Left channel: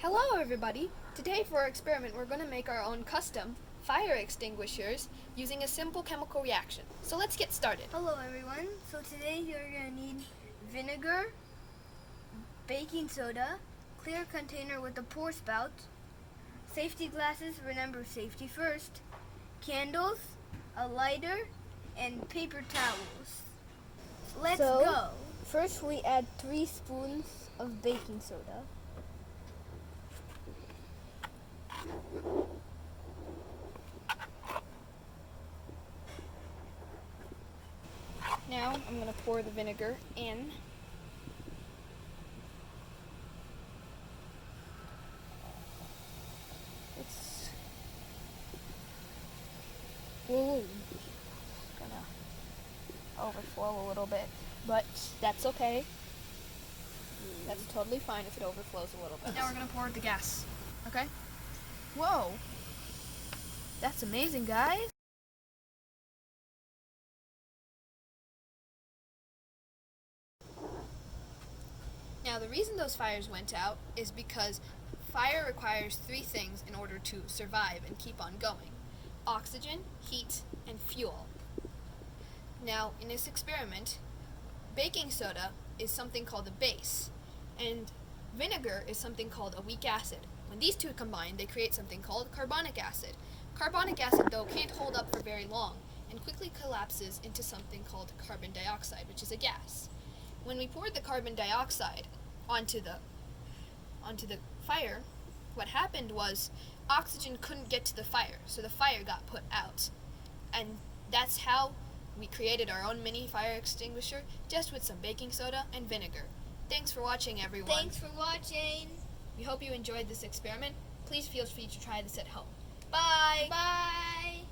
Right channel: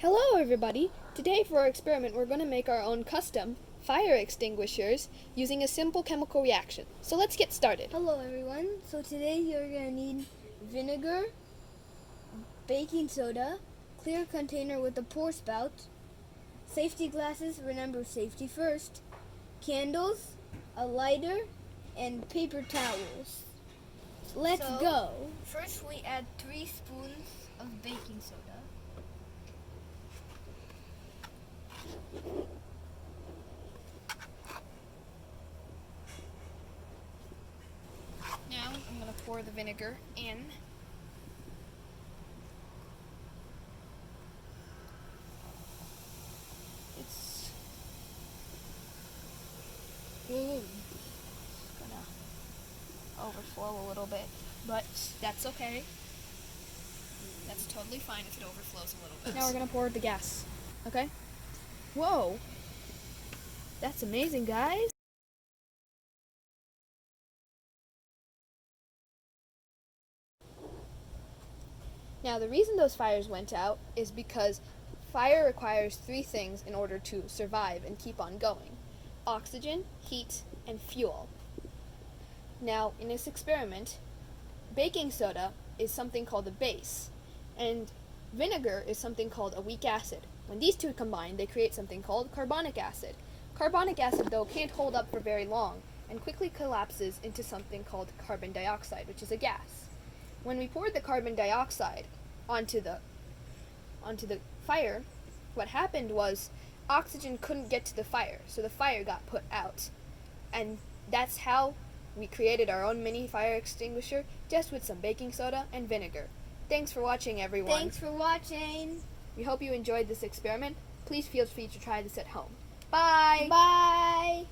Hello everybody! Today for our experiment we're going to make our own custom fire extinguishers using a simple chemical reaction. So let's get started. Hello everyone. So today you're going to need vinegar, baking soda, clear container with a pour spout, safety glasses, remember safety first, candles, a lighter, and paper towels. Let's go. First we add 3 spoons of baking soda. Now I'm going to pour the vinegar in. It's gonna overflow a little bit, but that's okay. That's totally fine if it overflows a little bit. Now we're going to pour the gas. Okay? Whoa! That's amazing, guys! Now, the reason those fires went out is because fire requires 3 things in order to survive and keep on going: oxygen, heat, and fuel. Now, in this experiment, baking soda is something called a base, and vinegar is something called a weak acid. When these two combine, they create something called carbonic acid. Carbonic acid, though, can't hold up for very long and quickly collapses into something called carbon dioxide, which is a gas. When we poured the carbon dioxide onto the fire, what happened was oxygen couldn't get to the fire, so the fire got put out. And that's how we created our own mini fire extinguisher, just with some baking soda and vinegar. Thanks for watching, everyone. Thanks for watching. We hope you enjoyed this experiment. Please feel free to try this at home. Bye! Bye.